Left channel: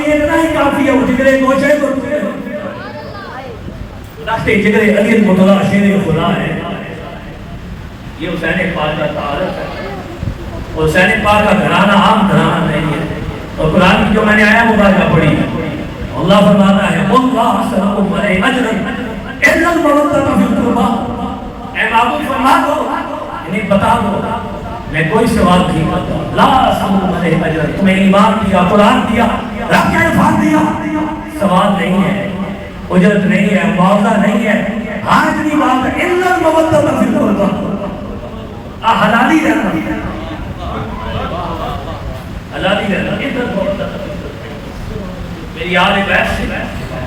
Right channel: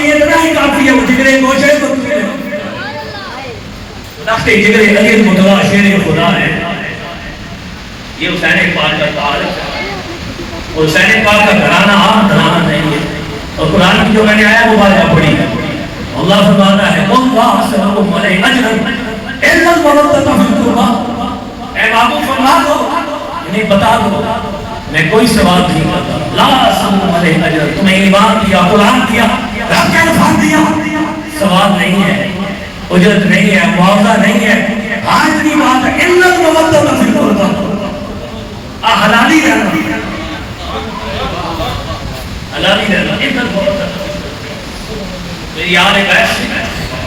لیے اتنا ہی کافی ہے، وہ جگرے گوشے کو رکھتے جگرے علی مطلع شیر خدا ہے. یہ حسین پاک کا تعارف ہے. حسین پاک کا گھرانہ عام گھرانہ نہیں ہے. اور قرآن کی جو میں نے آیا وہ بات پڑھی ہے. اللہ فرماتا ہے اللہ سلام علیہ اجرا الا المودۃ فی القربى. اے معبود فرما دو، یعنی بتا دو میں کوئی ثواب نہیں کرتا. لا سلام علیہ اجر، تمہیں ایمان دیا، قرآن دیا، رب کے الفاظ دیا، ثواب نہیں ہے، اجرت نہیں ہے، معاوضہ نہیں ہے. ہاں اتنی بات ہے الا المودۃ فی القربى، حلالی رہنا، حلالی رہنا. عزت محبت میری آل بیت سے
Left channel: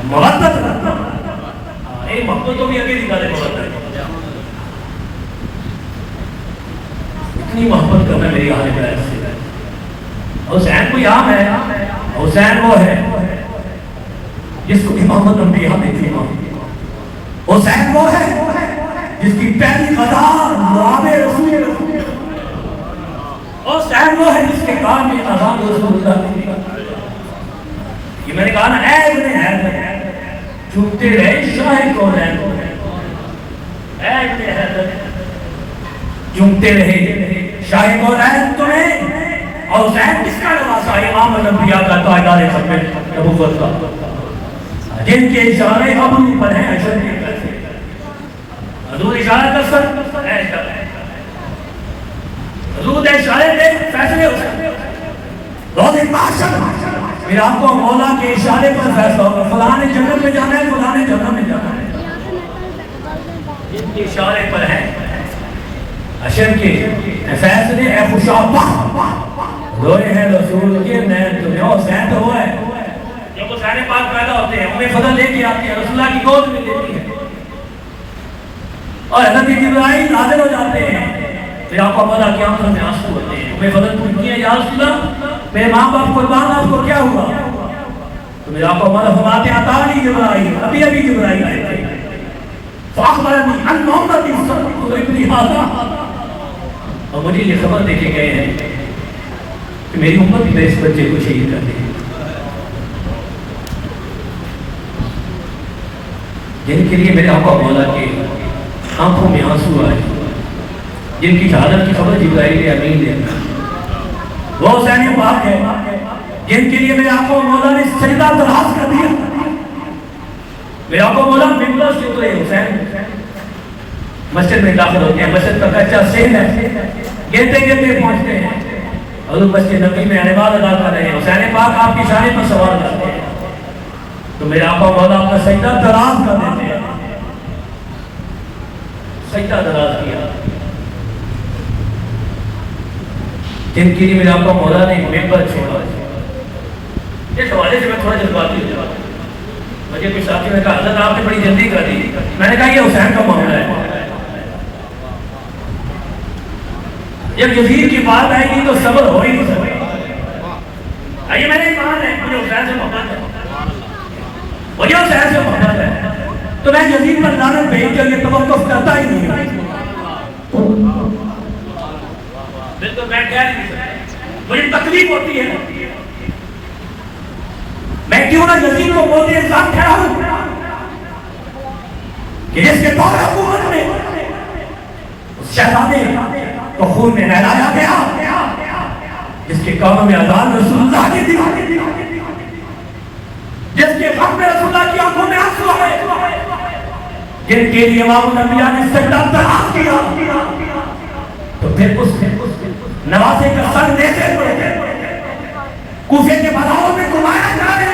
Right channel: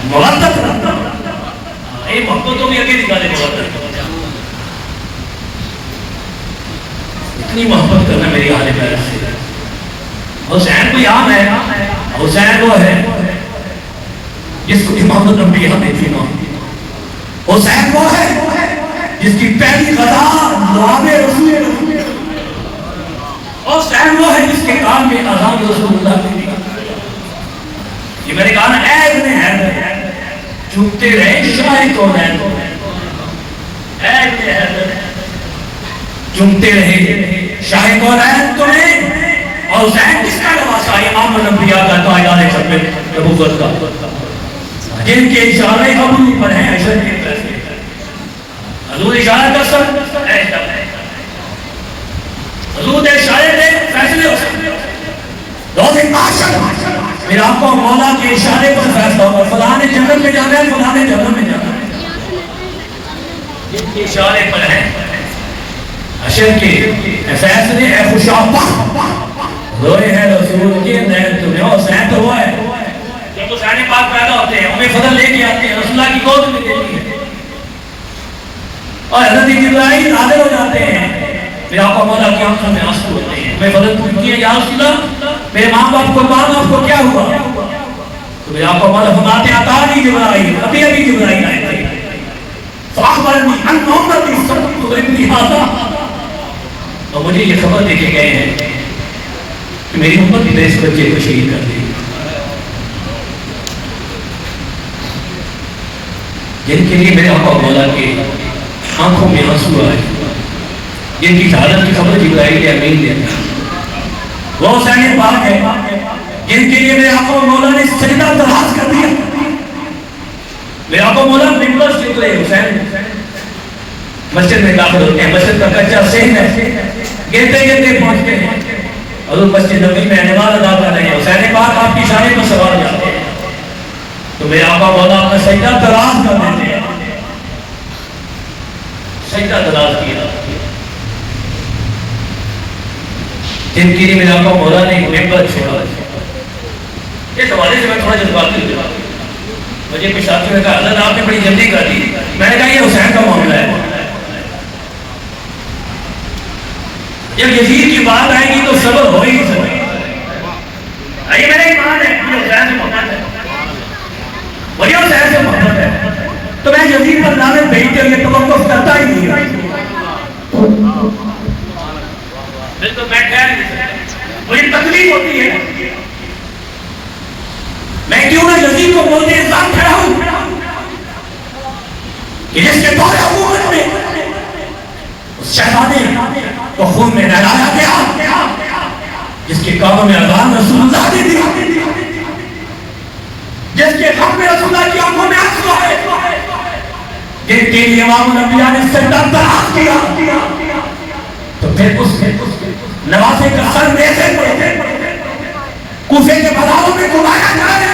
محبت رکھنا. یہ محبتوں میں اگے نکالے محبت، اتنی محبت کرنا میری آل بیت سے. حسین کوئی عام ہے؟ حسین وہ ہے جس کو امام الانبیاء میں تھی. حسین وہ ہے جس کی پہلی غذا لعاب رسول. حسین وہ ہے جس کے کام میں اذان رسول اللہ کی. یہ میں نے کہا نا اے ابن حیدر چوکتے رہے شاہ کونین، اے ابن حیدر چومتے رہے شاہ کونین تمہیں. اور حسین کس کا لباسا؟ امام الانبیاء کا، تاجدار ختم نبوت کا، جن کے اشارے ابرو پر ہیں عشر کے پیسے. حضور اشارہ کر سکتے حضور اشارے دے فیصلے ہو سکتے. روز معاشر میرا آپ کو مولا کے اشارے پر فیصلہ ہوگا. فلاں نے جنت میں جانا ہے، فلاں نے جنت میں جانا ہے، جن کے اشارے پر ہیں حشر کے فیصلے. اے خوشا روئے ہیں رسول کے نین تمہیں. حسین تو ہوا ہے جب حسین پاک پیدا ہوتے ہیں انہیں فضل لے کے آتے ہیں، رسول اللہ کی گود میں دیتی ہے اور حضرت جبرائیل حاضر ہو جاتے ہیں. پھر آپ کو مولا کی آنکھوں میں آنسو ہوتے ہیں. میں فضل پوچھتی ہے یا رسول اللہ میرے ماں باپ قربان، آپ کو کیا ہوا؟ تو میرے آپ کو مولا فرماتے ہیں اتانی جبرائیل، ابھی ابھی جبرائیل آئے تھے. فاخبرنی ان محمد صلی اللہ علیہ وسلم، اور مجھے یہ خبر دے کے گئے ہیں کہ میری امت نے اس بچے کو شہید کر دیا. جن کے لیے میرے آقا مولا کے آنکھوں میں آنسو آئے، جن کی حالت کی خبر جبرائیل امین دیتا، وہ حسین پاک ہے جن کے لیے میرے آقا مولا نے سجدہ دراز کر دیا. میرے آقا مولا ممبر سے اترے، حسین مسجد میں داخل ہوتے ہیں. مسجد کا کچا سین ہے، گرتے گرتے پہنچتے ہیں حضور مسجد نبی میں نماز ادا کر رہے ہیں. حسین پاک آپ کی شانے پر سوار جاتے ہیں تو میرے آقا مولا اپنا سجدہ دراز کر دیتے ہیں. سجدہ دراز کیا جن کے لیے میرے آقا مولا نے ممبر چھوڑا. اس حوالے سے میں تھوڑا جذباتی ہو جاتا ہوں. مجھے کچھ ساتھیوں نے کہا حضرت آپ نے بڑی جلدی کر دی. میں نے کہا یہ حسین کا معاملہ ہے. جب یزید کی بات آئے گی تو صبر ہو ہی نہیں سکتا. آئیے میں نے ایک بات ہے، مجھے حسین سے محبت ہے، مجھے حسین سے محبت ہے، تو میں یزید پر لعنت بھیج کر یہ توقف کرتا ہی نہیں ہوں. بالکل میں کہہ نہیں سکتا، مجھے تکلیف ہوتی ہے. میں کیوں نہ یزید کو بولتے انسان کھڑا ہوں کہ جس کے دور حکومت میں اس شہزادے کو خون میں نہلایا گیا، جس کے کانوں میں اذان رسول اللہ نے دی، جس کے غم میں رسول اللہ کی آنکھوں میں آنسو آئے، جن کے لیے امام الانبیاء نے سجدہ دراز کیا. تو پھر اس نواسے کا سر نیزے پر کوفے کے بازاروں میں گھمایا جائے.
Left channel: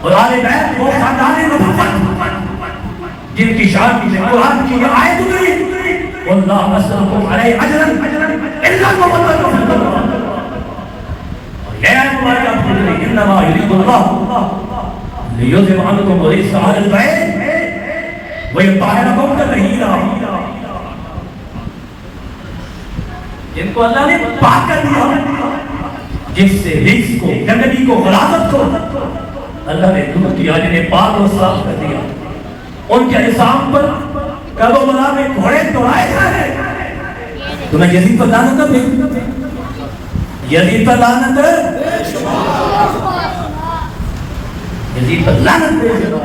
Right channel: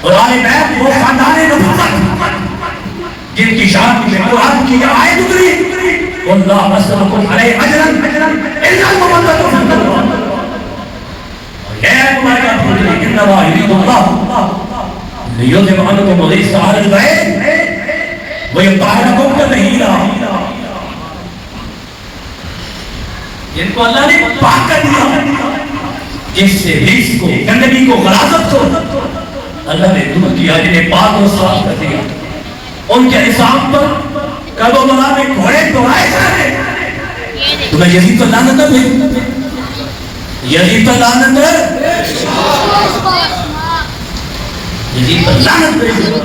اور آل بیت وہ خاندان نبوت جن کی شان میں قرآن کی یہ آیت اتری، واللہ اسألکم علیہ اجرا الا المودۃ فی القربى. اور یہ آیت اللہ کا پھول ہے، انما یرید اللہ لیذهب عنکم الرجس اہل البیت ویطہرکم تطہیرا. جن کو اللہ نے پاک کر دیا، جس سے رجس کو، گندگی کو، غلاظت کو اللہ نے دور کیا، جنہیں پاک و صاف کر دیا. ان کے نظام پر کربلا میں گھوڑے دوڑائے جا رہے ہیں. تمہیں یزید پر لعنت نہ بھیج، یزید پر لعنت یزید پر لعنت بھیج دو